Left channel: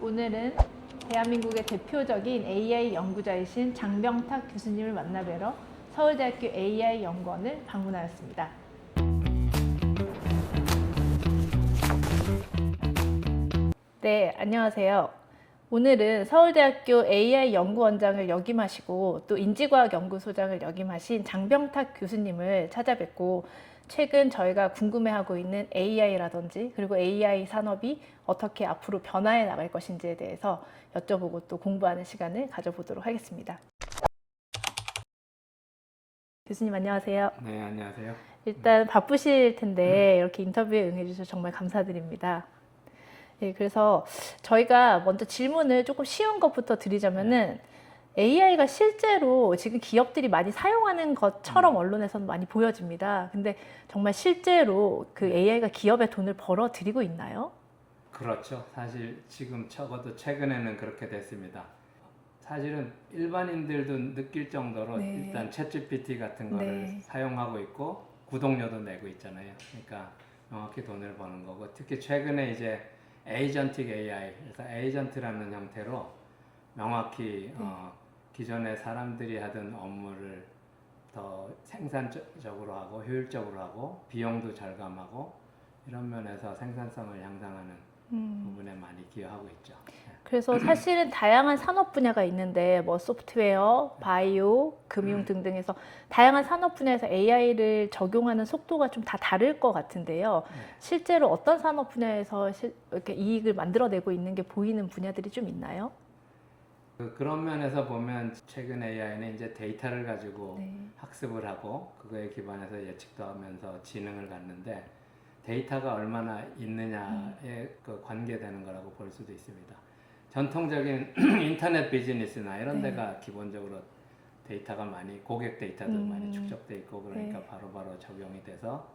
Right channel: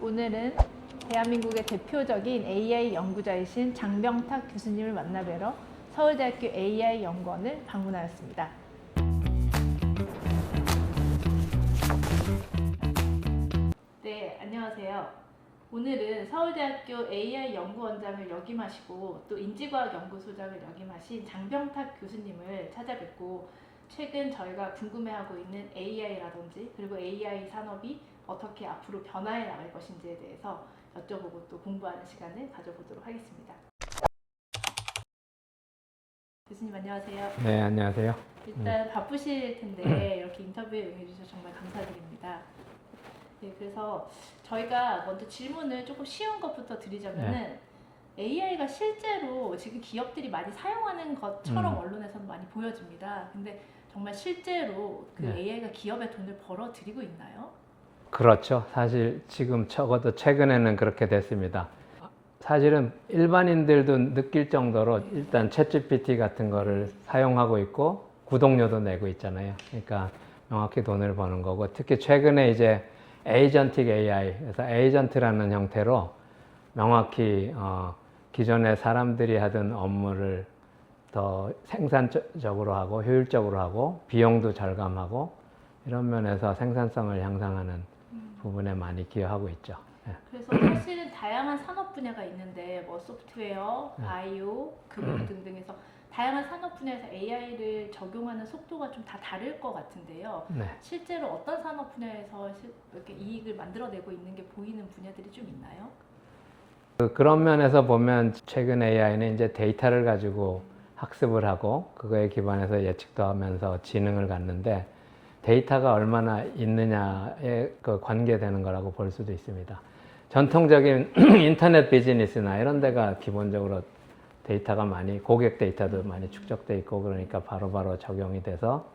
오늘은 대한민국의 대표적인 AI 연구자이신 장병탁 교수님을 만나뵈러 서울대학교 AI 연구원을 방문하였습니다. 네, 안녕하세요. 오늘은 서울대학교 AI 연구원장을 역임하시고 또 인지과학연구소장을 역임하신 장병탁 교수님을 찾아뵙고 최근 저희가 궁금해하고 있는 AI라든지 그리고 AI 산업이 어떻게 앞으로 변화해 나갈 것인지에 대해서 여쭤보고 또 공부하는 시간을 가져보도록 하겠습니다. 교수님 안녕하세요. 네, 안녕하세요. 일단 바쁘실 텐데 이렇게 인터뷰에 응해주셔서 정말 감사드립니다. 네, 그래서 저희가 먼저 질문을 조금 쉬운 것부터 드리자면은 AI가 실제로 지금 기업들이 많이 사용하는 것처럼 언론에서는 많이 보여집니다. 근데 정말 실제로 그 AI가 기업에 돈을 벌어들이고 있나요? 그렇죠. 사실 지금 적어도 최근에는 그렇게 됐습니다. 사실은 일반인들도 느낄 정도로 일단 챗GPT 같은 거를 사용하고 있고 구독료도 내고 있잖아요. 그러니까 명확히 돈을 버는 거고, 특히 최근에 이제 에이전틱 AI, 그래서 에이전트라는 형태로 명확히 기존에 사람들이 하던 업무를 더 생산적으로 하고 효율적으로 하고 비용도 절감하고 이런 면에서 생산성을 향상하는 부분에 많이 기여하고 있죠. 그래서 사실은 다양한 산업 분야가 있는데 뭐 소프트웨어, 바이오, 금융 등등해서 다양한 산업 분야에서 AI를 적용하는 속도가 좀 다 다를 것 같은데요. 실제로 어떤 산업 분야에서 이렇게 이익을 만들어내고 있는 게 보이는 분야들이 좀 있나요? 그런 면에서 보면 최근 AI는 이제 데이터를 가지고 학습을 하고 그거에 기반해서 예측도 하면서 지능을 갖는데, 데이터가 얼마나 있느냐에 그 관계되는 거라고 볼 수도 있습니다. 전통적인 인터넷 비즈니스나 이런 데가 기본적으로 데이터가 많이, 고객 데이터도 많이 축적돼 있고 그러니까 바로바로 적용이 돼서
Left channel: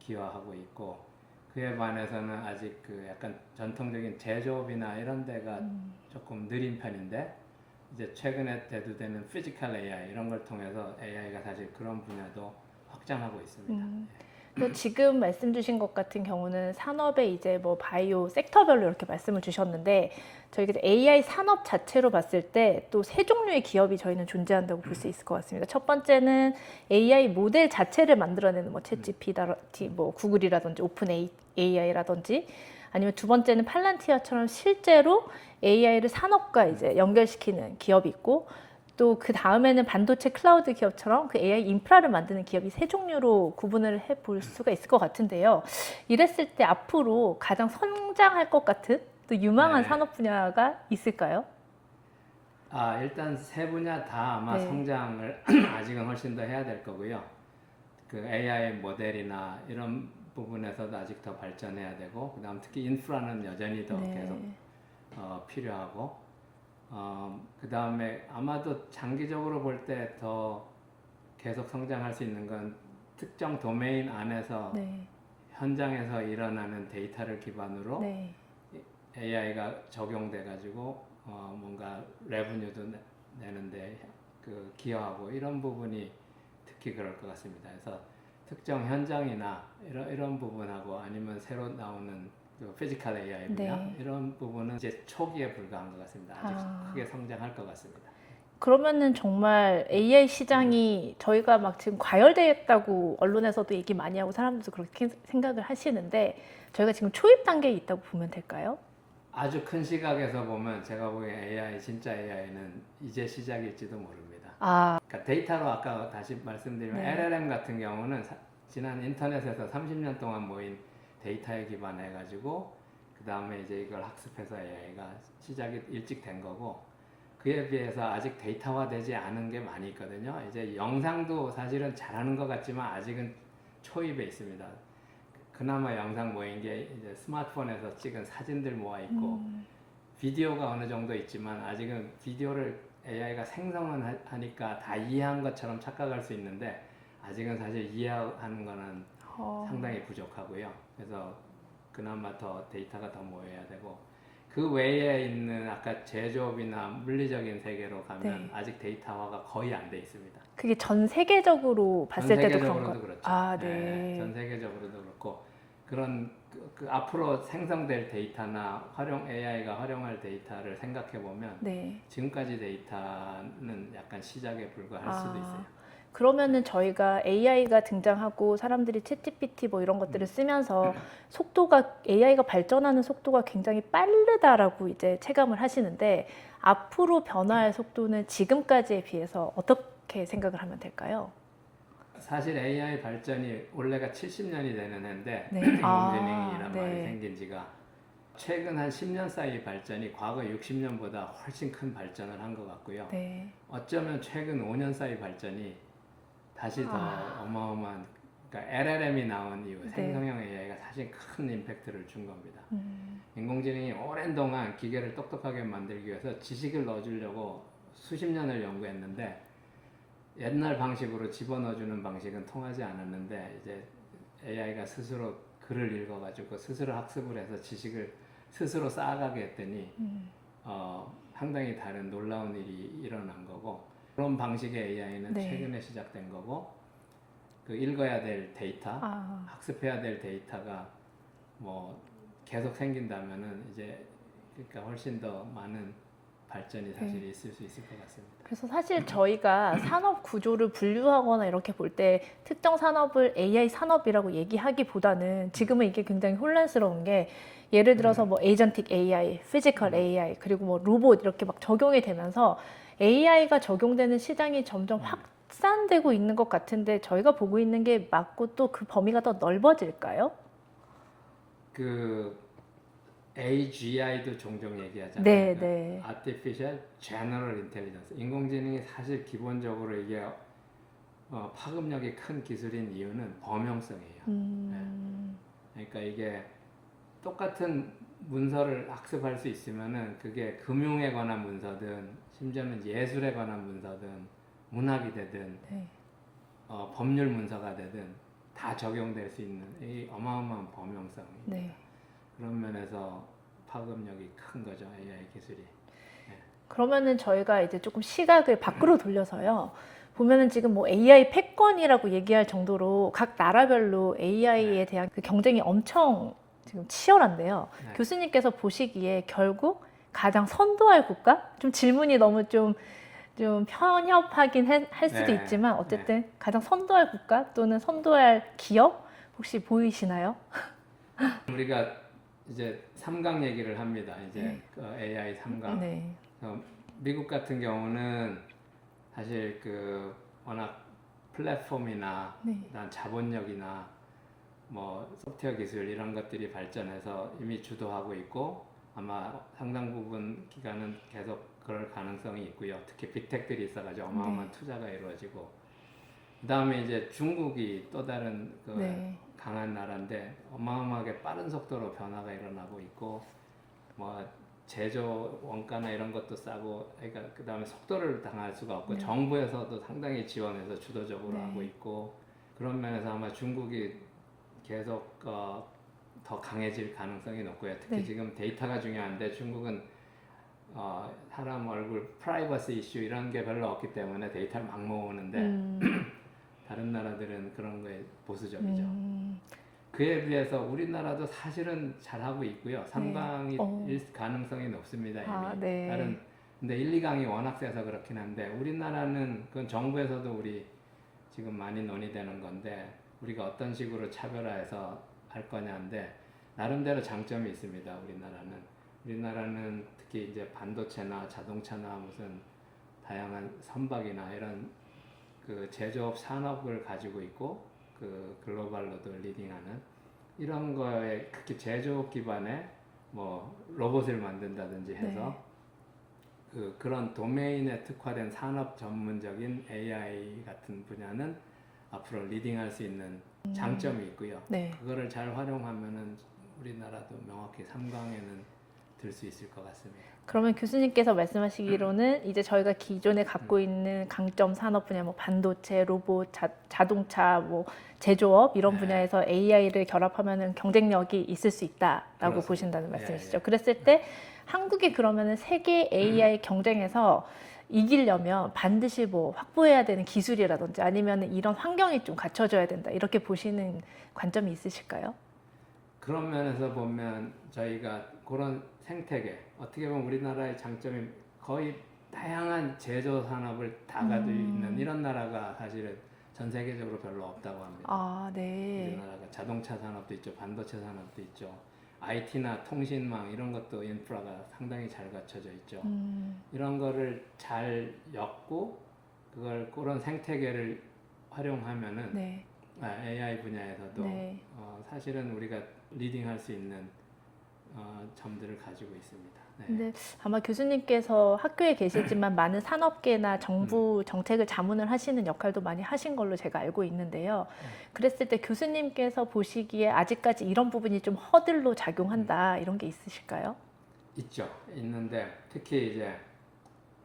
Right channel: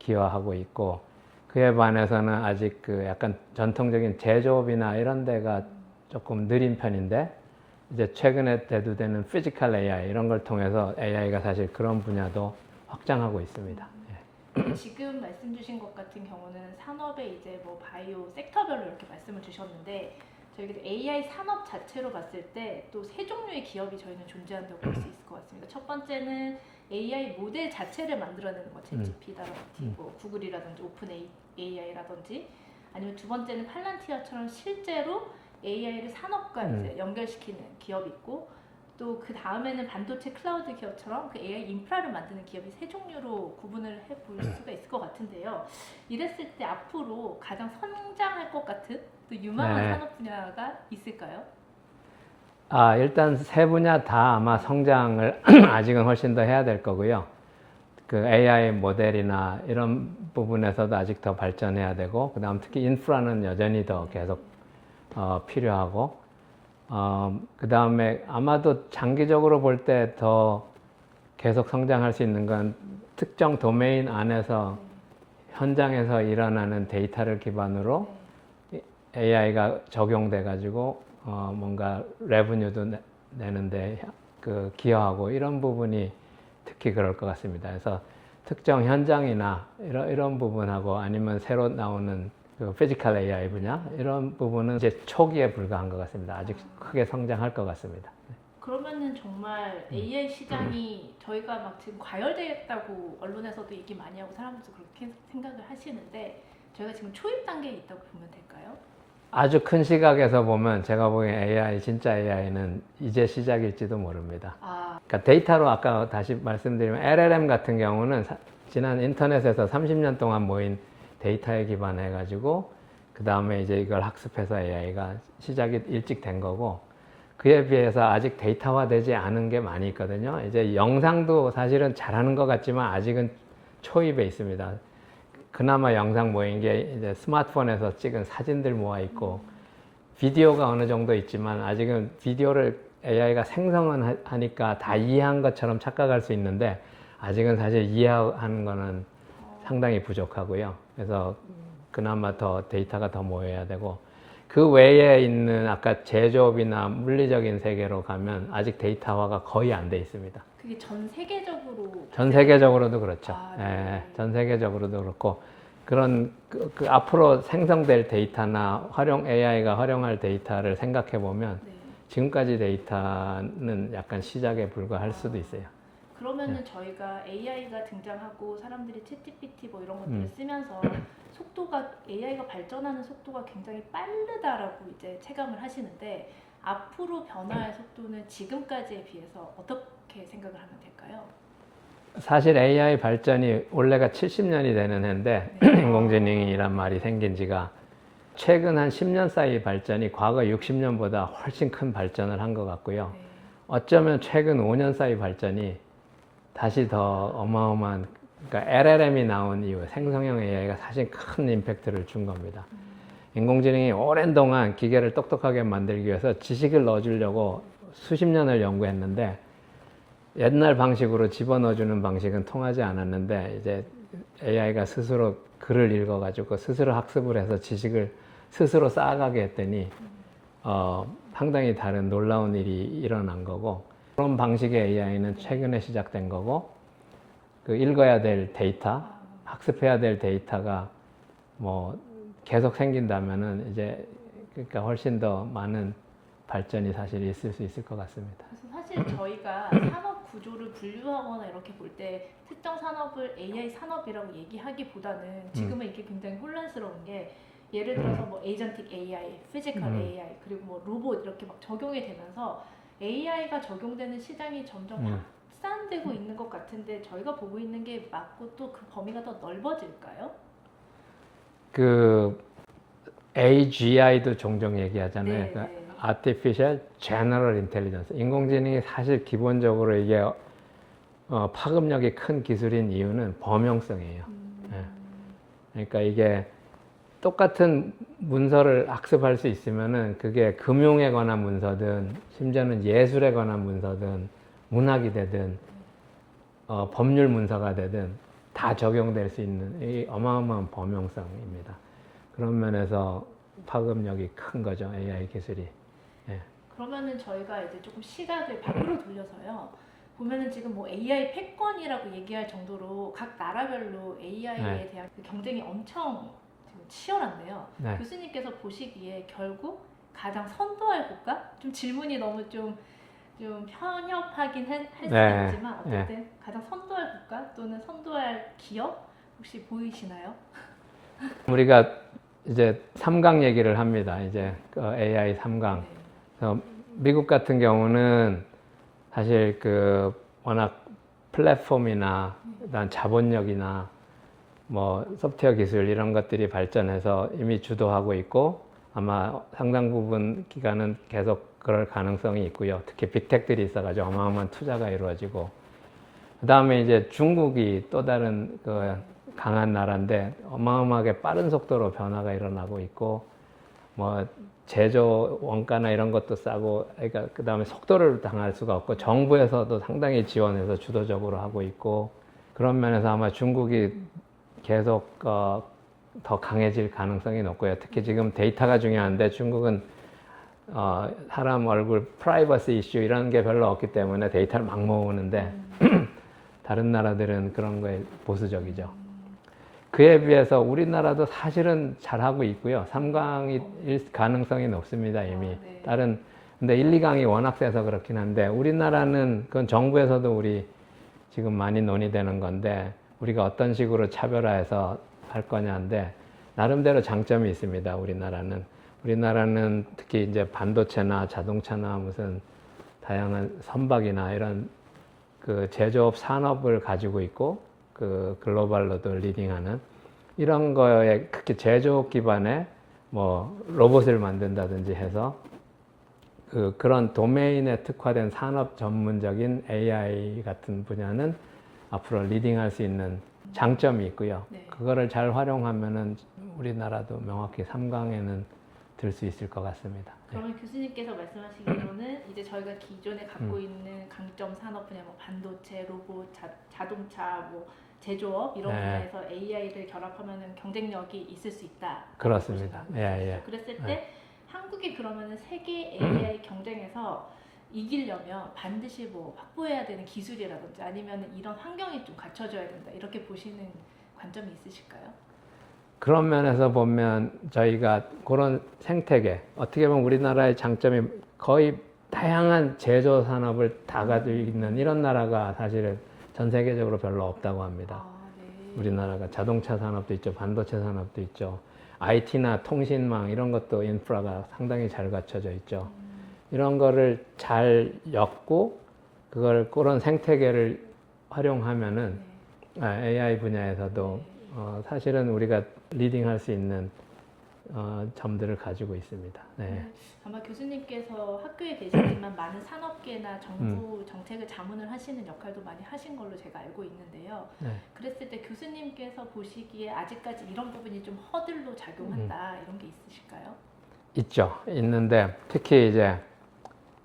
기여하고 있고, 그에 반해서는 아직 그 약간 전통적인 제조업이나 이런 데가 조금 느린 편인데, 이제 최근에 대두되는 피지컬 AI 이런 걸 통해서 AI가 사실 그런 분야도 확장하고 있습니다. 지금 말씀 주신 것 같은 경우는 산업의 이제 뭐 바이오 섹터별로 이렇게 말씀을 주셨는데, 저희가 AI 산업 자체로 봤을 때 또 세 종류의 기업이 저희는 존재한다고 볼 수 있을 것 같습니다. 첫 번째는 AI 모델 자체를 만들어내는 뭐 챗GPT, 뭐 구글이라든지 오픈 AI라든지, 아니면 두 번째는 팔란티어처럼 실제로 AI를 산업과 이제 연결시키는 기업이 있고, 또 그 다음에는 반도체 클라우드 기업처럼 그 AI 인프라를 만드는 기업이 세 종류로 구분을 해볼 수가 있을 것 같은데요. 이랬을 때 앞으로 가장 성장할 것 같은 또 유망한 산업 분야가 있을까요? 일단 세 분야 다 아마 성장을 아직은 훨씬 더 해야 될 거고요. 그 AI 모델이나 이런 부분에서도 아직 더 발전해야 되고, 그 다음 특히 인프라는 여전히 더 계속 필요하고, 그 다음에 아마도 장기적으로 볼 때 더 계속 성장할 수 있는 건 특정 도메인 안에서 현장에서 일어나는 데이터를 기반으로 AI가 적용돼 가지고 뭔가 레버뉴도 내는데 그 기여하고 이런 부분이 특히 그럴 것 같습니다. 그래서 특정 현장이나 이런 부분하고 아니면 새로 나오는 그 피지컬 AI 분야 이런 부분은 이제 초기에 불과한 것 같습니다. 아직 크게 성장할 것 같습니다. 그러면은 정말 AI 시장이 저희가 막 지금 과열되었다고 언론에서도 얘기 많이 하고 사람들도 그렇게 생각을 하시는데, 저희가 지금 초입 단계에 있다고 보면 될까요? 아주 큰 시각에서 보면 제가 보기엔 AI, 진짜 AI는 이제 시작일지도 모릅니다. 그러니까 데이터로 아까 다시 말씀드리면 LLM 같은 경우는 지난 인터넷에서 30년 동안 모인 데이터에 기반해 가지고 그 다음에 이제 이걸 학습해서 AI가 시작이 일찍 된 거고, 그에 비해서 아직 데이터화되지 않은 게 많이 있거든요. 이제 영상도 사실은 잘하는 것 같지만 아직은 초입에 있습니다. 그나마 영상 모인 게 이제 스마트폰에서 찍은 사진들 모아 있고, 비디오가 어느 정도 있지만 아직은 비디오를 AI가 생성은 하니까 다 이해한 것처럼 착각할 수 있는데, 아직은 사실 이해하는 거는 상당히 부족하고요. 그래서 그나마 더 데이터가 더 모여야 되고, 그 외에 있는 아까 제조업이나 물리적인 세계로 가면 아직 데이터화가 거의 안 돼 있습니다. 그게 전 세계적으로 봤을 전 때도 세계적으로도 그렇죠. 네. 전 세계적으로도 그렇고, 그런 그 앞으로 생성될 데이터나 AI가 활용할 데이터를 생각해 보면 네. 지금까지 데이터는 약간 시작에 불과할 수도 있어요. 그러면은 저희가 AI가 등장하고 사람들이 챗GPT 뭐 이런 것들을 쓰면서 AI가 발전하는 속도가 굉장히 빠르다라고 이제 체감을 하시는데 앞으로 변화할 속도는 지금까지에 비해서 어떻게 생각을 하면 될까요? 사실 AI 발전이 원래가 70년이 되는 해인데 네. 인공지능이란 네. 말이 생긴 지가 최근 한 10년 사이 발전이 과거 60년보다 훨씬 큰 발전을 한 것 같고요. 네. 어쩌면 최근 5년 사이 발전이 다시 더 어마어마한, 그러니까 LLM이 나온 이후 생성형 AI가 사실 큰 임팩트를 준 겁니다. 인공지능이 오랜 동안 기계를 똑똑하게 만들기 위해서 지식을 넣어주려고 수십 년을 연구했는데 옛날 방식으로 집어넣어주는 방식은 통하지 않았는데 이제 AI가 스스로 글을 읽어가지고 스스로 학습을 해서 지식을 스스로 쌓아가게 했더니 상당히 다른 놀라운 일이 일어난 거고, 그런 방식의 AI는 최근에 시작된 거고, 그 읽어야 될 데이터, 학습해야 될 데이터가 뭐 계속 생긴다면은 이제 그러니까 훨씬 더 많은 발전이 사실 있을 수 있을 것 같습니다. 그래서 사실 저희가 산업 구조를 분류하거나 이렇게 볼 때 특정 산업을 AI 산업이라고 얘기하기보다는 지금은 이게 굉장히 혼란스러운 게 예를 들어서 뭐 에이전틱 AI, 피지컬 AI, 그리고 뭐 로봇 이렇게 막 적용이 되면서 AI가 적용되는 시장이 점점 확산되고 있는 것 같은데 저희가 보고 있는 게 맞고 또 그 범위가 더 넓어질까요? 그 AGI도 종종 얘기하잖아요. 네, 그러니까 네. Artificial General Intelligence. 인공지능이 사실 기본적으로 이게 파급력이 큰 기술인 이유는 범용성이에요. 예. 그러니까 이게 똑같은 문서를 학습할 수 있으면은 그게 금융에 관한 문서든 심지어는 예술에 관한 문서든 문학이 되든 법률 문서가 되든 다 적용될 수 있는 이 어마어마한 범용성입니다. 네. 그런 면에서 파급력이 큰 거죠, AI 기술이. 예. 그러면은 저희가 이제 조금 시각을 밖으로 돌려서요. 보면은 지금 뭐 AI 패권이라고 얘기할 정도로 각 나라별로 AI에 대한 그 경쟁이 엄청 지금 치열한데요. 교수님께서 보시기에 결국 가장 선도할 국가? 좀 질문이 너무 좀 편협하긴 할 수도 있지만 어쨌든 가장 선도할 국가 또는 선도할 기업 혹시 보이시나요? 우리가 이제 3강 얘기를 합니다. 이제 그 AI 3강. 네. 그래서 미국 같은 경우는 사실 그 워낙 플랫폼이나 그다음 자본력이나 뭐 소프트웨어 기술 이런 것들이 발전해서 이미 주도하고 있고 아마 상당 부분 기간은 계속 그럴 가능성이 있고요. 특히 빅텍들이 있어가지고 어마어마한 투자가 이루어지고, 그 다음에 이제 중국이 또 다른 그 강한 나라인데 어마어마하게 빠른 속도로 변화가 일어나고 있고, 뭐 제조 원가나 이런 것도 싸고, 그러니까 그 다음에 속도를 당할 수가 없고 정부에서도 상당히 지원해서 주도적으로 하고 있고, 그런 면에서 아마 중국이 계속 더 강해질 가능성이 높고요. 특히 지금 데이터가 중요한데 중국은 사람 얼굴 프라이버시 이슈 이런 게 별로 없기 때문에 데이터를 막 모으는데 다른 나라들은 그런 거에 보수적이죠. 그에 비해서 우리나라도 사실은 잘하고 있고요. 3강일 가능성이 높습니다, 이미. 근데 1, 2강이 워낙 세서 그렇긴 한데 우리나라는 그건 정부에서도 우리 지금 많이 논의되는 건데 우리가 어떤 식으로 차별화해서 할 거냐인데 나름대로 장점이 있습니다, 우리나라는 특히 이제 반도체나 자동차나 무슨 다양한 선박이나 이런 그 제조업 산업을 가지고 있고 그 글로벌로도 리딩하는 이런 거에 특히 제조업 기반의 뭐 로봇을 만든다든지 해서 그런 도메인에 특화된 산업 전문적인 AI 같은 분야는 앞으로 리딩할 수 있는 장점이 있고요. 그거를 잘 활용하면은 우리나라도 명확히 3강에는 들 수 있을 것 같습니다. 그러면 교수님께서 말씀하시기로는 이제 저희가 기존에 갖고 있는 강점 산업 분야, 뭐 반도체, 로봇, 자동차, 뭐 제조업 이런 분야에서 AI를 결합하면은 경쟁력이 있을 수 있다라고 그렇습니다. 보신다는 말씀이시죠. 그랬을 때 한국이 그러면은 세계 AI 경쟁에서 이기려면 반드시 뭐 확보해야 되는 기술이라든지 아니면 이런 환경이 좀 갖춰져야 된다 이렇게 보시는 관점이 있으실까요? 그런 면에서 보면 저희가 그런 생태계, 어떻게 보면 우리나라의 장점이 거의 다양한 제조 산업을 다 가지고 있는 이런 나라가 사실은 전 세계적으로 별로 없다고 합니다. 아, 네. 우리나라가 자동차 산업도 있죠, 반도체 산업도 있죠, IT나 통신망 이런 것도 인프라가 상당히 잘 갖춰져 있죠. 이런 거를 잘 엮고 그걸 그런 생태계를 활용하면은 네. AI 분야에서도 네. 사실은 우리가 리딩할 수 있는 점들을 가지고 있습니다. 네. 근데 아마 교수님께서 학교에 계시지만 많은 산업계나 정부 정책을 자문을 하시는 역할도 많이 하신 걸로 제가 알고 있는데요. 네. 그랬을 때 교수님께서 보시기에 아직까지 이런 부분이 좀 허들로 작용한다 이런 게 있으실까요? 있죠. 있는데 특히 이제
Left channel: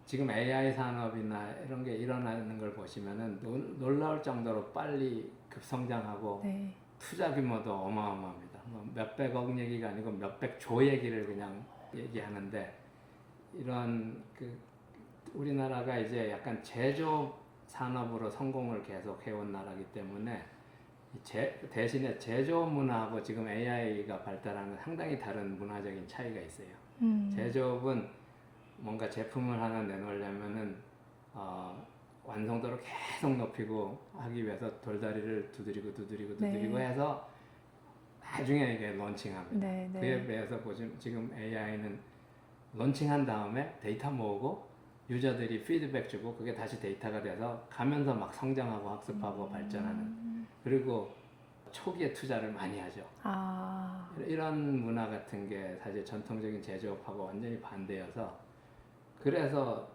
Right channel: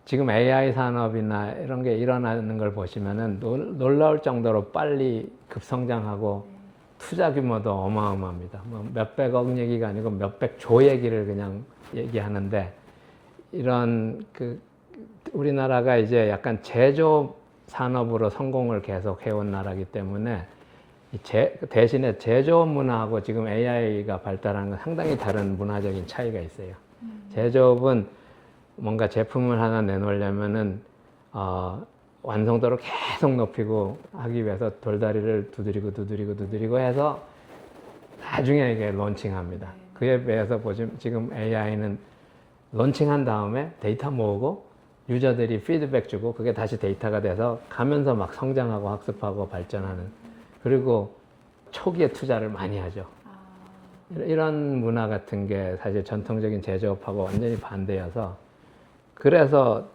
지금 AI 산업이나 이런 게 일어나는 걸 보시면은 놀라울 정도로 빨리 급성장하고 네. 투자 규모도 어마어마합니다. 뭐 몇백억 얘기가 아니고 몇백조 얘기를 그냥 얘기하는데 이런 우리나라가 이제 약간 제조 산업으로 성공을 계속 해온 나라이기 때문에 대신에 제조업 문화하고 지금 AI가 발달하는 건 상당히 다른 문화적인 차이가 있어요. 제조업은 뭔가 제품을 하나 내놓으려면은 완성도를 계속 높이고 하기 위해서 돌다리를 두드리고 네. 해서 나중에 이게 론칭합니다. 네, 네. 그에 비해서 보시면 지금 AI는 론칭한 다음에 데이터 모으고 유저들이 피드백 주고 그게 다시 데이터가 돼서 가면서 막 성장하고 학습하고 발전하는, 그리고 초기에 투자를 많이 하죠. 아, 이런 문화 같은 게 사실 전통적인 제조업하고 완전히 반대여서 그래서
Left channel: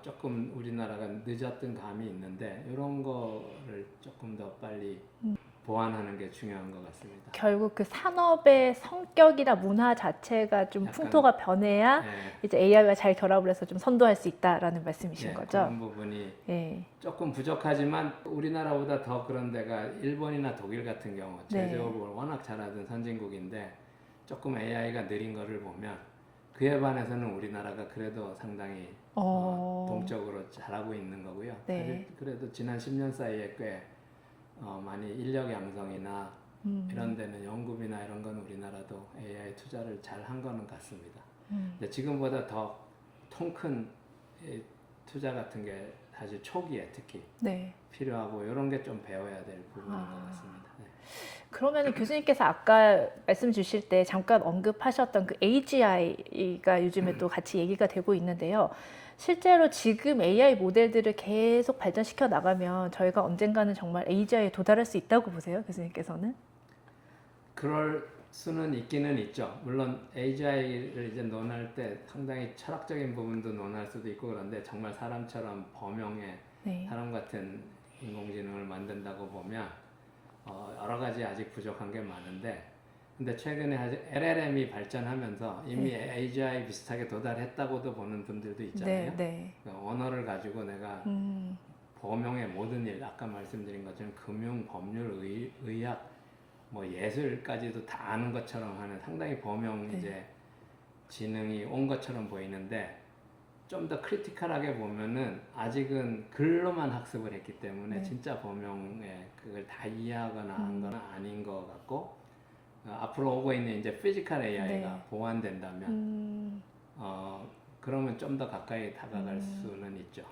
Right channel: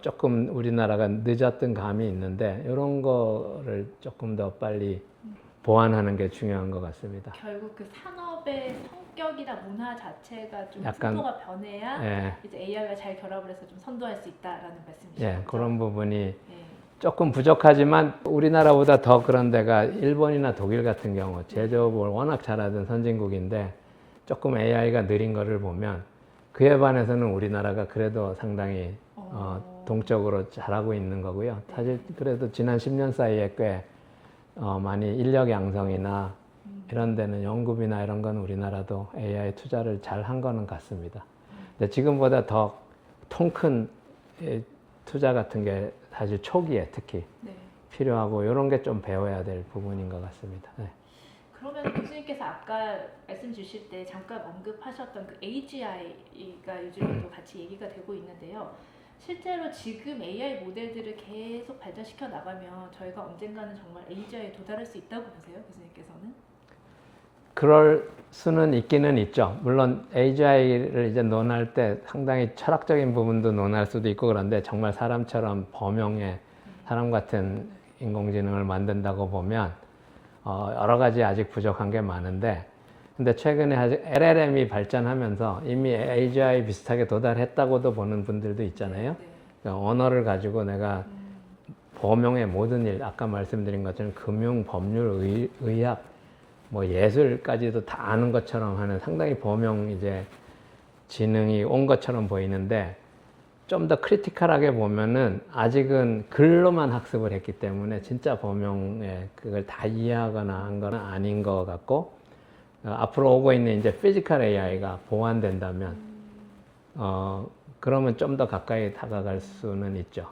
조금 우리나라가 늦었던 감이 있는데 이런 거를 조금 더 빨리 보완하는 게 중요한 것 같습니다. 결국 그 산업의 성격이나 문화 자체가 좀 약간, 풍토가 변해야 예, 이제 AI와 잘 결합을 해서 좀 선도할 수 있다라는 말씀이신 예, 거죠? 그런 부분이 예. 조금 부족하지만 우리나라보다 더 그런 데가 일본이나 독일 같은 경우 네. 제조업을 워낙 잘하던 선진국인데 조금 AI가 느린 거를 보면 그에 반해서는 우리나라가 그래도 상당히 동적으로 잘하고 있는 거고요. 네. 사실 그래도 지난 10년 사이에 꽤 많이 인력 양성이나 이런 데는 연구비나 이런 건 우리나라도 AI 투자를 잘 한 거는 같습니다. 근데 지금보다 더 통 큰 투자 같은 게 사실 초기에 특히 네. 필요하고 이런 게 좀 배워야 될 부분인 것 같습니다. 네. 그러면 교수님께서 아까 말씀 주실 때 잠깐 언급하셨던 그 AGI가 요즘에 또 같이 얘기가 되고 있는데요. 실제로 지금 AI 모델들을 계속 발전시켜 나가면 저희가 언젠가는 정말 AGI에 도달할 수 있다고 보세요, 교수님께서는? 그럴 수는 있기는 있죠. 물론 AGI를 이제 논할 때 상당히 철학적인 부분도 논할 수도 있고 그런데 정말 사람처럼 범용의 네. 사람 같은 인공지능을 만든다고 보면 여러 가지 아직 부족한 게 많은데, 근데 최근에 아직 LLM이 발전하면서 이미 AGI 비슷하게 도달했다고도 보는 분들도 있잖아요. 네, 네. 그러니까 언어를 가지고 내가 범용의 모든 일, 아까 말씀드린 것처럼 금융, 법률, 의학, 뭐 예술까지도 다 아는 것처럼 하는 상당히 범용 이제 지능이 온 것처럼 보이는데, 좀 더 크리티컬하게 보면은 아직은 글로만 학습을 했기 때문에 진짜 범용에 그걸 다 이해하거나 한 건 아닌 것 같고, 앞으로 오고 있는 이제 피지컬 AI가 보완된다면 그러면 좀 더 가까이 다가갈 수는 있죠.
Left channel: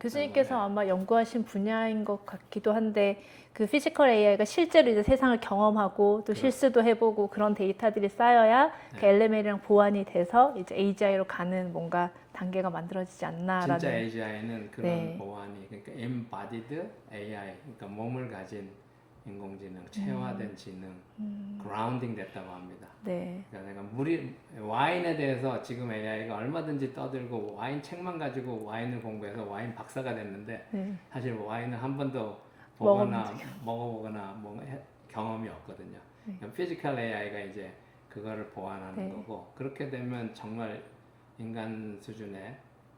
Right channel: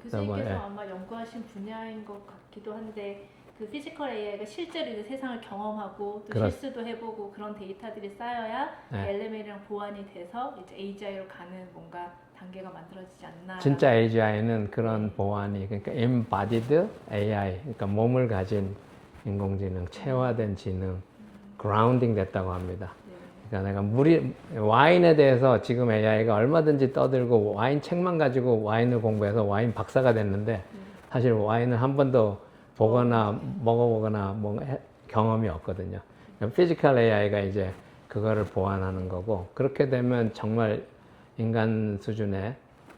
교수님께서 네. 아마 연구하신 분야인 것 같기도 한데 그 피지컬 AI가 실제로 이제 세상을 경험하고 또 실수도 해보고 그런 데이터들이 쌓여야 그 LML이랑 보완이 돼서 이제 AGI로 가는 뭔가 단계가 만들어지지 않나. 진짜 AGI는 그런 보완이, 그러니까 embodied AI, 그러니까 몸을 가진 인공지능, 체화된 지능, 그라운딩 됐다고 합니다. 네. 그러니까 내가 와인에 대해서 지금 AI가 얼마든지 떠들고 와인 책만 가지고 와인을 공부해서 와인 박사가 됐는데 사실 와인을 한 번도 보거나 먹어보거나 경험이 없거든요. 피지컬 AI가 이제 그거를 보완하는 거고, 그렇게 되면 정말 인간 수준의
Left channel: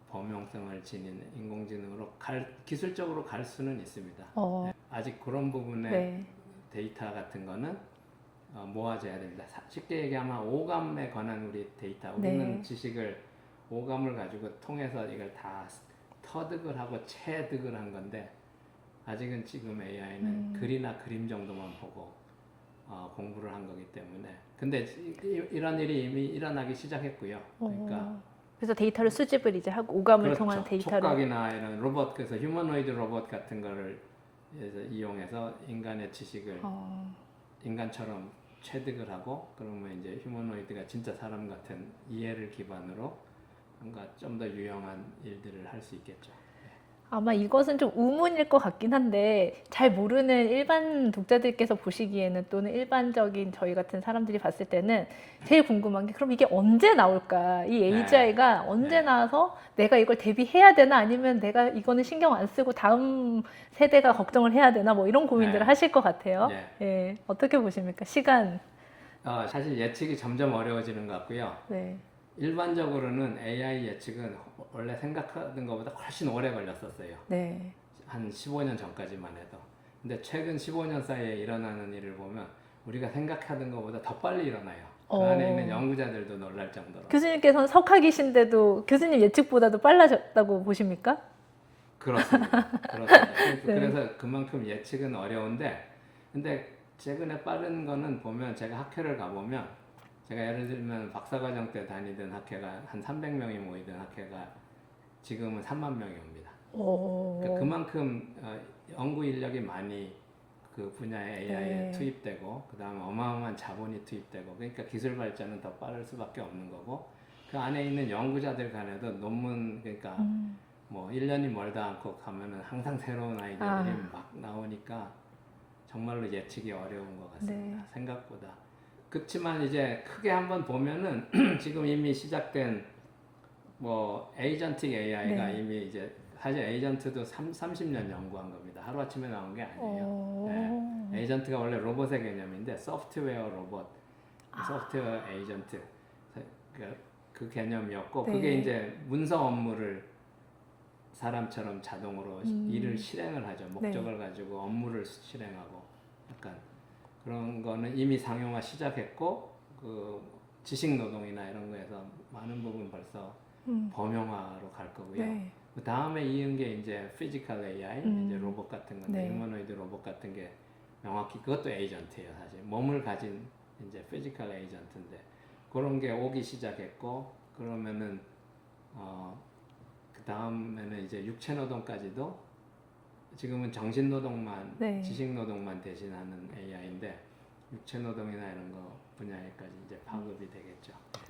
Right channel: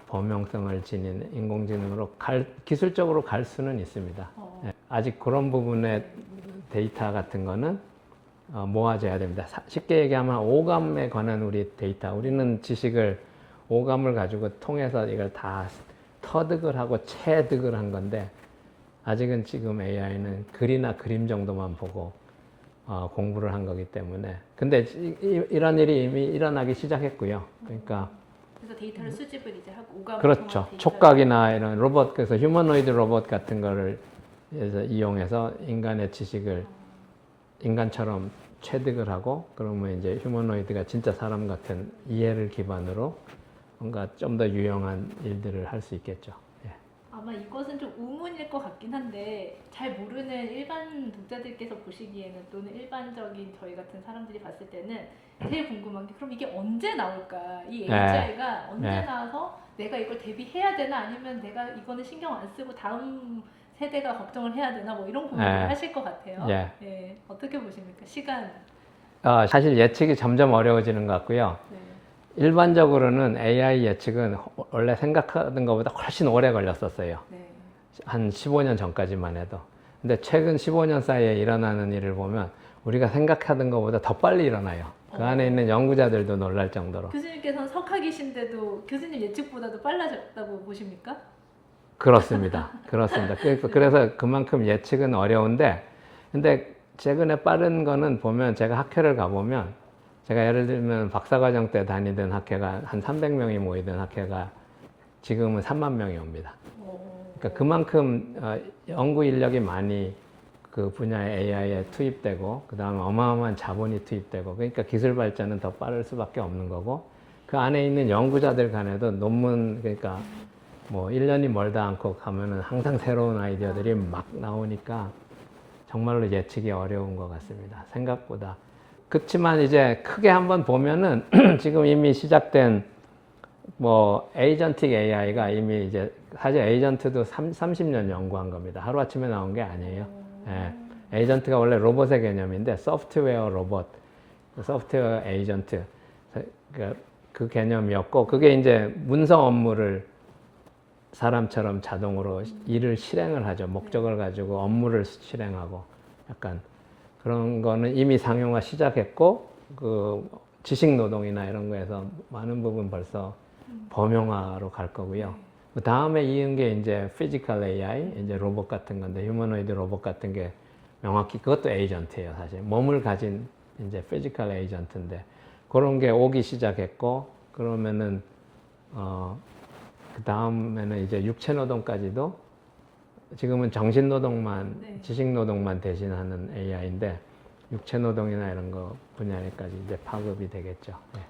범용성을 지닌 인공지능으로 기술적으로 갈 수는 있습니다. 아직 그런 부분의 데이터 같은 거는 모아져야 됩니다. 쉽게 얘기하면 오감에 관한 우리 데이터, 우리는 지식을 오감을 가지고 통해서 이걸 다 터득을 하고 체득을 한 건데, 아직은 지금 AI는 글이나 그림 정도만 보고 공부를 한 거기 때문에. 근데 이런 일이 이미 일어나기 시작했고요. 그러니까 그래서 데이터를 수집을 이제 하고 오감을 그렇죠. 통한 데이터를 촉각이나 이런 로봇, 그래서 휴머노이드 로봇 같은 거를 이용해서 인간의 지식을 인간처럼 체득을 하고, 그러면 이제 휴머노이드가 진짜 사람 같은 이해를 기반으로 뭔가 좀 더 유용한 일들을 할 수 있겠죠. 예. 아마 이것은 좀 우문일 것 같긴 한데 잘 모르는 일반 독자들께서 보시기에는 또는 일반적인 저희 같은 사람들이 봤을 때는 제일 궁금한 게 그럼 이게 언제 나올까? 이 AGI가 언제 네. 나와서 내가 이걸 대비해야 되나 아니면 내가 이거는 신경 안 쓰고 다음 세대가 걱정을 해야 되나 뭐 이런 고민들을 네. 하실 것 같아요. 예. 예. 어떻게 보십니까? 시간. 사실 예측이 점점 어려워지는 것 같고요. 네. 일반적으로는 AI 예측은 원래 생각하는 것보다 훨씬 오래 걸렸었어요. 네. 한 15년 전까지만 해도. 근데 최근 15년 사이에 일어나는 일을 보면 우리가 생각하던 것보다 더 빨리 일어나요. 그 안에 있는 연구자들도 놀랄 정도로. 교수님께서는 석학이신데도 교수님 예측보다도 빨라졌다고 보십니까? 그렇습니다. 그렇습니다. 네. 그래서 그만큼 예측은 어려운데, 근데 최근에 빠른 거는 보면 제가 학회를 가보면, 제가 예를 들면 박사과정 때 다니던 학회가 한 300명이 모이던 학회가 지금은 3만 명이 옵니다. 그러니까 그만큼 연구 인력이 많이 그 분야의 AI에 투입되고, 그 다음에 어마어마한 자본이 투입되고, 그러니까 기술 발전은 더 빠를 수밖에 없는 거고, 그 안에 있는 연구자들 간에도 논문, 그러니까 뭐 1년이 멀다 않고 가면은 항상 새로운 아이디어들이 막 나오니까 정말로 예측이 어려운 것 같습니다. 생각보다. 그렇지만 이제 크게 한번 보면은 지금 이미 시작된 뭐 에이전틱 AI가 이미 이제 사실 에이전트도 30년 연구한 겁니다. 하루아침에 나온 게 아니에요. 예. 에이전트가 원래 로봇의 개념인데 소프트웨어 로봇, 소프트웨어 에이전트 그 개념이었고, 그게 이제 문서 업무를 사람처럼 자동으로 일을 실행을 하죠. 목적을 가지고 업무를 실행하고, 약간 그런 거는 이미 상용화 시작했고, 그 지식 노동이나 이런 거에서 많은 부분 벌써 범용화로 갈 거고요. 그 다음에 이은 게 이제 피지컬 AI, 이제 로봇 같은 건데, 휴머노이드 로봇 같은 게 명확히 그것도 에이전트예요, 사실. 몸을 가진 이제 피지컬 에이전트인데, 그런 게 오기 시작했고, 그러면은 그 다음에는 이제 육체 노동까지도, 지금은 정신 노동만, 지식 노동만 대신하는 AI인데, 육체 노동이나 이런 거 분야에까지 이제 파급이 되겠죠. 네.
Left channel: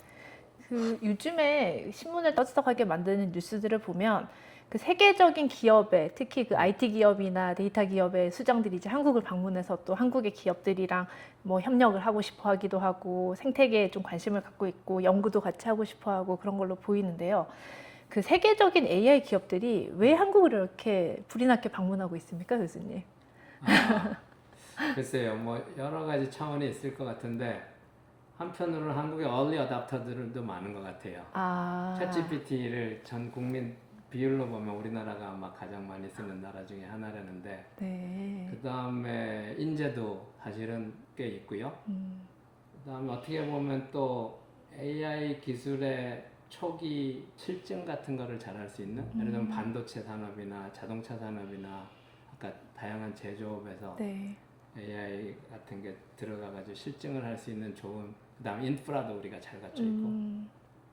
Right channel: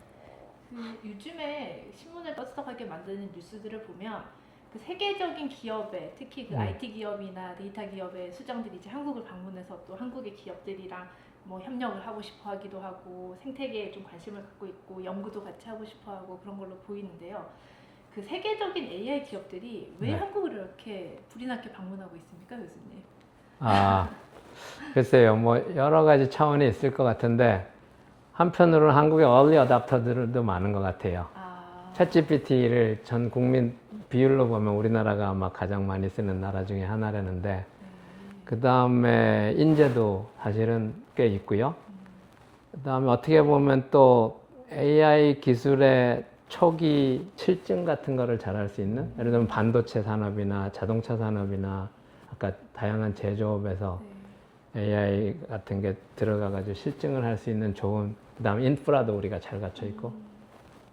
그 요즘에 신문을 떠들썩하게 만드는 뉴스들을 보면 그 세계적인 기업에 특히 그 IT 기업이나 데이터 기업의 수장들이 이제 한국을 방문해서 또 한국의 기업들이랑 뭐 협력을 하고 싶어 하기도 하고 생태계에 좀 관심을 갖고 있고 연구도 같이 하고 싶어 하고 그런 걸로 보이는데요. 그 세계적인 AI 기업들이 왜 한국을 이렇게 불이 나게 방문하고 있습니까, 교수님? 글쎄요, 뭐 여러 가지 차원이 있을 것 같은데, 한편으로는 한국의 얼리 어답터들도 많은 것 같아요. 챗GPT를 전 국민 비율로 보면 우리나라가 아마 가장 많이 쓰는 나라 중에 하나라는데, 그 다음에 인재도 사실은 꽤 있고요. 그 다음에 어떻게 보면 또 AI 기술의 초기 실증 같은 거를 잘할 수 있는, 예를 들면 반도체 산업이나 자동차 산업이나 아까 다양한 제조업에서 AI 같은 게 들어가가지고 실증을 할 수 있는 좋은, 그 다음에 인프라도 우리가 잘 갖춰 있고,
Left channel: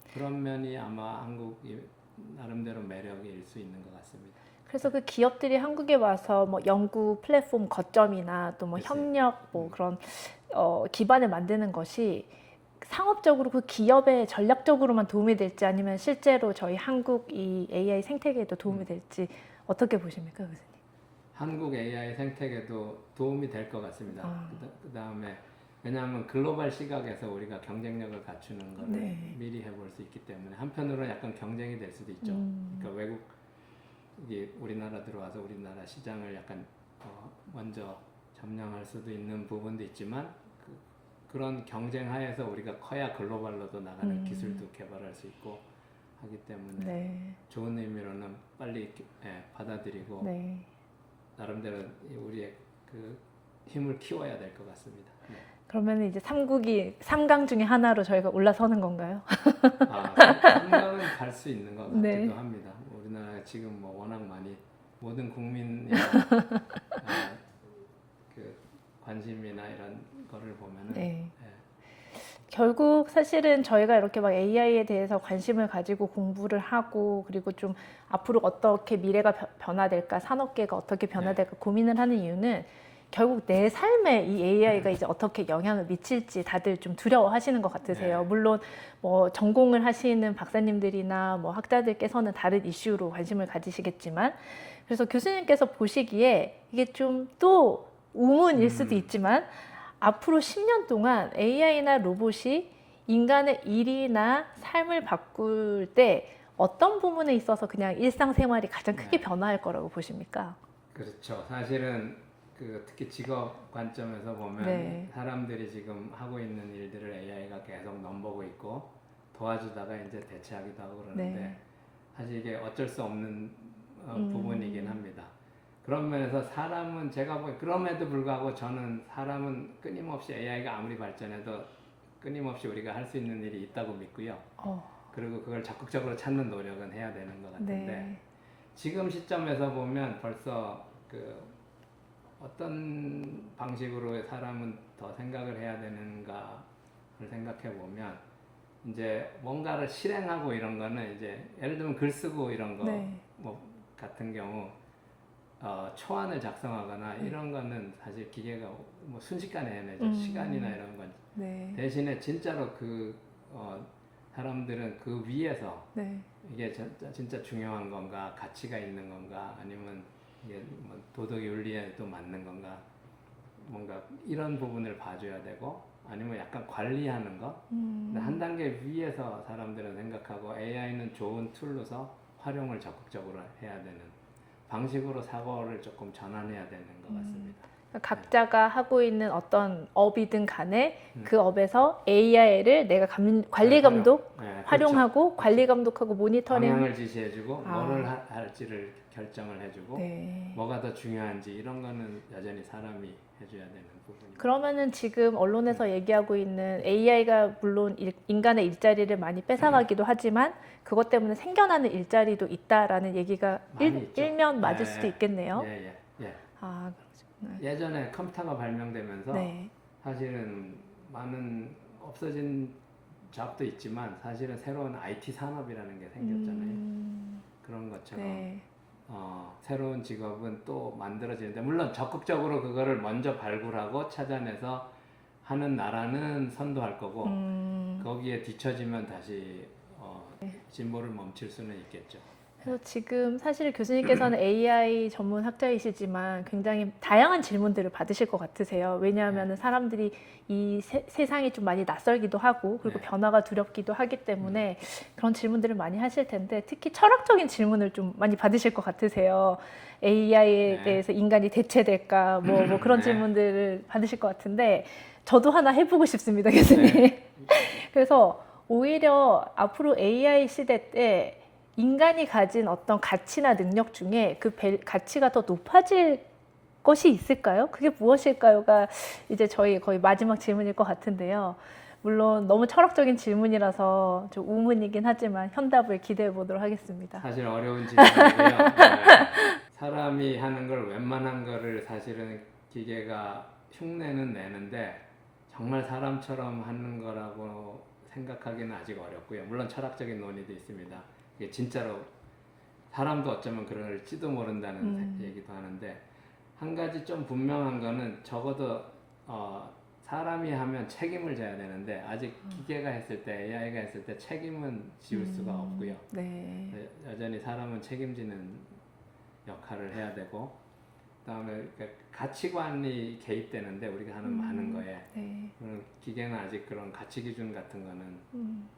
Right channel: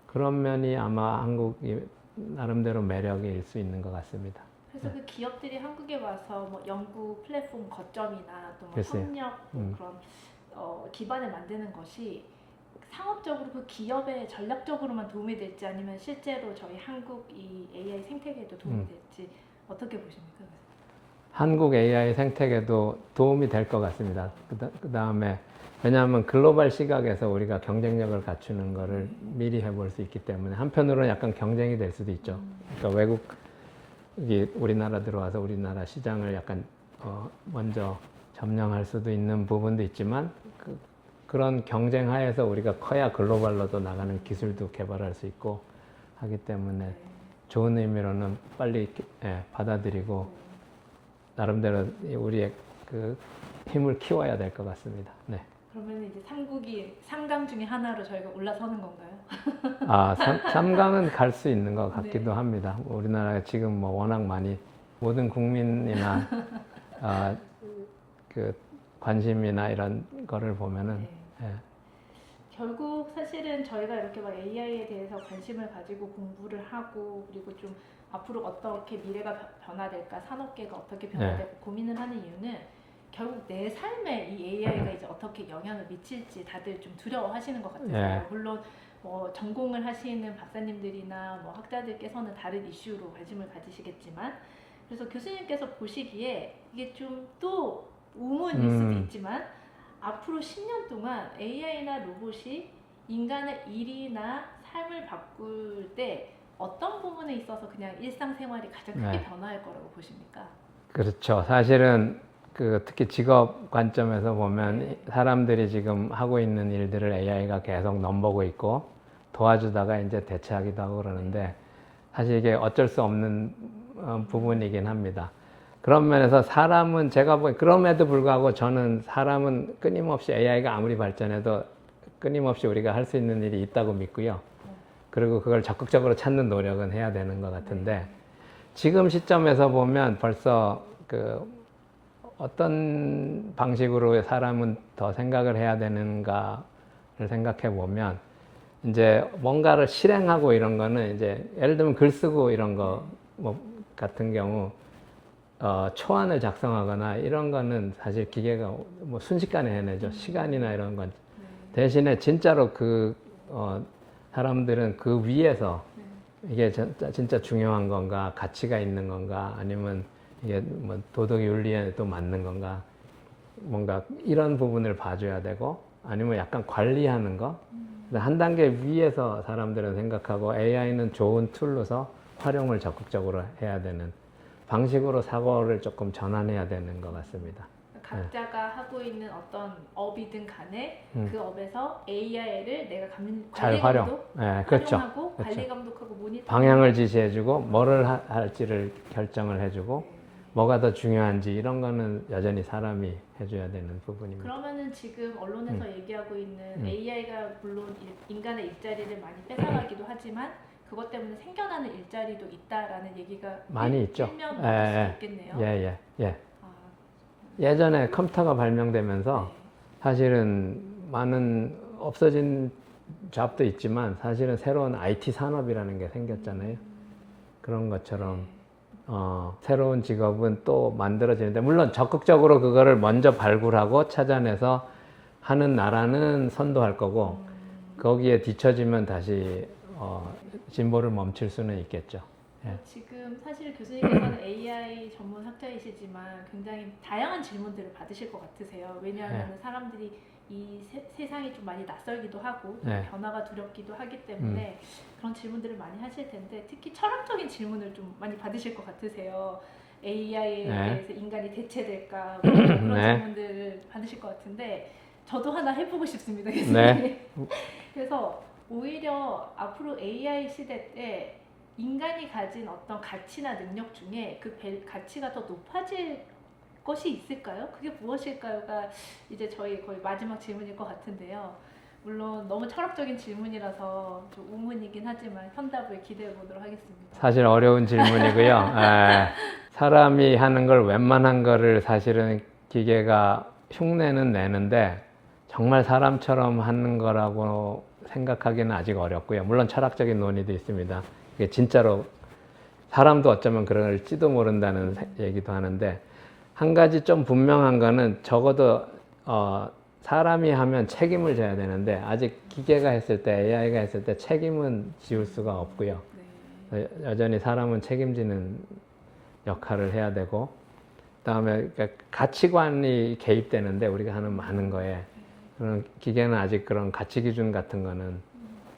그런 면이 아마 한국이 나름대로 매력일 수 있는 것 같습니다. 그래서 그 기업들이 한국에 와서 뭐 연구 플랫폼 거점이나 또 뭐 협력 뭐 그런 기반을 만드는 것이 상업적으로 그 기업에 전략적으로만 도움이 될지 아니면 실제로 저희 한국 이 AI 생태계에도 도움이 될지 어떻게 보십니까, 교수님? 한국 AI 생태계도 도움이 될 것 같습니다. 그 다음에 왜냐하면 글로벌 시각에서 우리가 경쟁력을 갖추는 거를 미리 해볼 수 있기 때문에 한편으로는 약간 경쟁이 될 수도 있죠. 그러니까 외국이 우리나라 들어와서 우리나라 시장을 약간 먼저 점령할 수도 있는 부분도 있지만, 그런 경쟁 하에서 우리가 커야 글로벌로도 나가는 기술도 개발할 수 있고 하기 때문에 좋은 의미로는 빨리 받아들이고 나름대로 우리의 그 힘을 키워야 될 것 같습니다. 네. 그러면 이제 3강 중에 하나로 저희가 올라서는 건가요? 3강은 갈 수 있는 것 같기도 합니다. 우리나라가 지금 뭐 워낙 많이 모든 국민이나 그 관심이나 이런 거를 보면은 네. 예. 결국 사실은 저희가 이렇게 막 AI에 대해서 관심을 가지고 공부를 하고 그리고 좀 앞으로 어떻게 미래가 변화될까, 산업계가 어떻게 변화될까 고민을 하는 이유는 결국 내 삶에 이 AI가 이제 어떻게 영향을 미칠지 다들 좀 두려워하시는 것 같으세요. 네. 물론 뭐 전공을 하시는 박사님들이나 뭐 학자들께서는 다른 이슈로 관심을 가지시겠지만, 그래서 교수님께서 보시기에 이게 좀 또 우문일 수도 있지만 앞으로 10년 동안 AI나 로봇이 인간의 일이나 삶을 바꿀 때 어떤 부분에 있어서 그냥 일상생활이 가장 크게 변화할 거라고 보십니까? 그렇죠. 사실은 특히 직업 관점에서 보면 네. 사람들이 지금 하고 있는 일들을 AI가 계속 넘보고 있고 도와주다가 이제 대체하기도 하고 그러는데 네. 사실 이게 어쩔 수 없는 부분이긴 합니다. 그런 면에서 사람은 제가 그럼에도 불구하고 저는 사람은 끊임없이 AI가 아무리 발전해도 끊임없이 우리가 할 수 있는 일이 있다고 믿고요. 그리고 그걸 적극적으로 찾는 노력은 해야 되는 것 같은데 네. 지금 시점에서 보면 벌써 어떤 방식으로 사람은 더 생각을 해야 되는가를 생각해 보면 이제 뭔가를 실행하고 이런 거는 이제 예를 들면 글 쓰고 이런 거 뭐 같은 경우 초안을 작성하거나 이런 거는 사실 기계가 뭐 순식간에 해내죠. 시간이나 이런 건. 네. 대신에 진짜로 사람들은 그 위에서 이게 진짜 중요한 건가, 가치가 있는 건가, 아니면 이게 뭐 도덕 윤리에 또 맞는 건가, 뭔가 이런 부분을 봐줘야 되고, 아니면 약간 관리하는 거. 한 단계 위에서 사람들은 생각하고 AI는 좋은 툴로서 활용을 적극적으로 해야 되는 방식으로 사고를 조금 전환해야 되는 것 같습니다. 각자가 하고 있는 어떤 업이든 간에 그 업에서 AI를 내가 관리 감독 활용하고 그렇죠. 관리 감독하고 모니터링 방향을 지시해주고 뭐를 할지를 결정을 해주고 네. 뭐가 더 중요한지 이런 거는 여전히 사람이 해줘야 되는 부분입니다. 그러면은 지금 언론에서 얘기하고 있는 AI가 물론 인간의 일자리를 많이 뺏어가기도 하지만 그것 때문에 생겨나는 일자리도 있다라는 얘기가 많이 있죠. 일면 맞을 수도 있겠네요. 예. 아, 예전에 컴퓨터가 발명되면서 네. 사실은 많은 없어진 잡도 있지만 사실은 새로운 IT 산업이라는 게 생겼잖아요. 그런 것처럼 네. 새로운 직업은 또 만들어지는데 물론 적극적으로 그거를 먼저 발굴하고 찾아내서 하는 나라는 선도할 거고 거기에 뒤처지면 다시 진보를 멈출 수는 있겠죠. 그래서 지금 사실 교수님께서는 AI 전문 학자이시지만 굉장히 다양한 질문들을 받으실 것 같으세요. 왜냐하면 사람들이 이 세상이 좀 많이 낯설기도 하고 그리고 변화가 두렵기도 하기 때문에 그런 질문들을 많이 하실 텐데 특히 철학적인 질문을 좀 많이 받으실 것 같으세요. AI에 대해서 인간이 대체될까 뭐 그런 질문들을 받으실 것 같은데 저도 하나 해보고 싶습니다, 교수님. 그래서 오히려 앞으로 AI 시대 때 인간이 가진 어떤 가치나 능력 중에 그 가치가 더 높아질 것이 있을까요? 그게 무엇일까요가 이제 저희 거의 마지막 질문일 것 같은데요. 물론 너무 철학적인 질문이라서 좀 우문이긴 하지만 현답을 기대해 보도록 하겠습니다. 사실 어려운 질문이고요. 사람이 하는 걸 웬만한 거를 사실은 기계가 흉내는 내는데 정말 사람처럼 하는 거라고 생각하기는 아직 어렵고요. 물론 철학적인 논의도 있습니다. 이게 진짜로 사람도 어쩌면 그럴지도 모른다는 얘기도 하는데 한 가지 좀 분명한 거는 적어도 사람이 하면 책임을 져야 되는데 아직 기계가 했을 때 AI가 했을 때 책임은 지울 수가 없고요. 네. 여전히 사람은 책임지는 역할을 해야 되고 그다음에 가치관이 개입되는데 우리가 하는 많은 거에 그런 기계는 아직 그런 가치 기준 같은 거는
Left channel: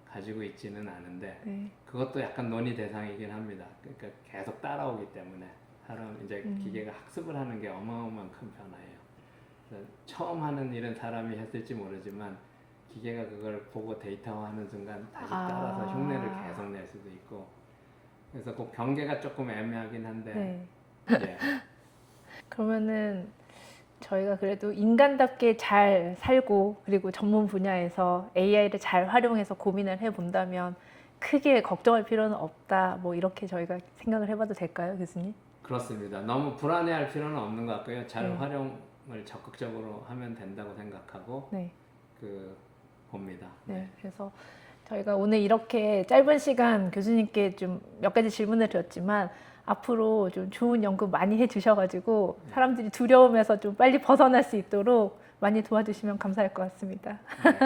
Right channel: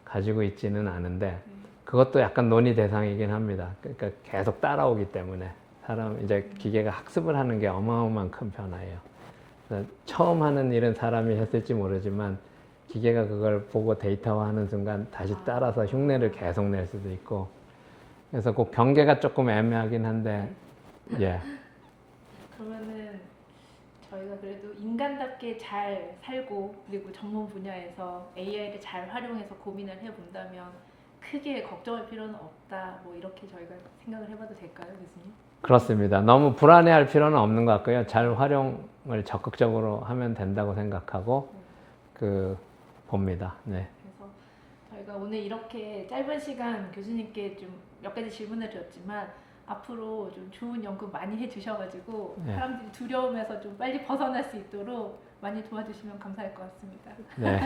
가지고 있지는 않은데 그것도 약간 논의 대상이긴 합니다. 그러니까 계속 따라오기 때문에 이제 기계가 학습을 하는 게 어마어마한 큰 변화예요. 처음 하는 일은 사람이 했을지 모르지만 기계가 그걸 보고 데이터화하는 순간 다시 따라서 흉내를 계속 낼 수도 있고 그래서 그 경계가 조금 애매하긴 한데 그러면은 저희가 그래도 인간답게 잘 살고 그리고 전문 분야에서 AI를 잘 활용해서 고민을 해본다면 크게 걱정할 필요는 없다. 뭐 이렇게 저희가 생각을 해봐도 될까요, 교수님? 그렇습니다. 너무 불안해할 필요는 없는 것 같고요. 잘 활용 적극적으로 하면 된다고 생각하고 네. 봅니다. 네. 그래서 저희가 오늘 이렇게 짧은 시간 교수님께 좀 몇 가지 질문을 드렸지만 앞으로 좀 좋은 연구 많이 해주셔가지고 네. 사람들이 두려움에서 좀 빨리 벗어날 수 있도록 많이 도와주시면 감사할 것 같습니다. 네.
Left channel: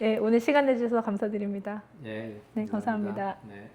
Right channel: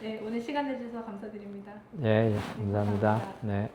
네, 오늘 시간 내주셔서 감사드립니다. 예, 네, 감사합니다. 감사합니다. 네.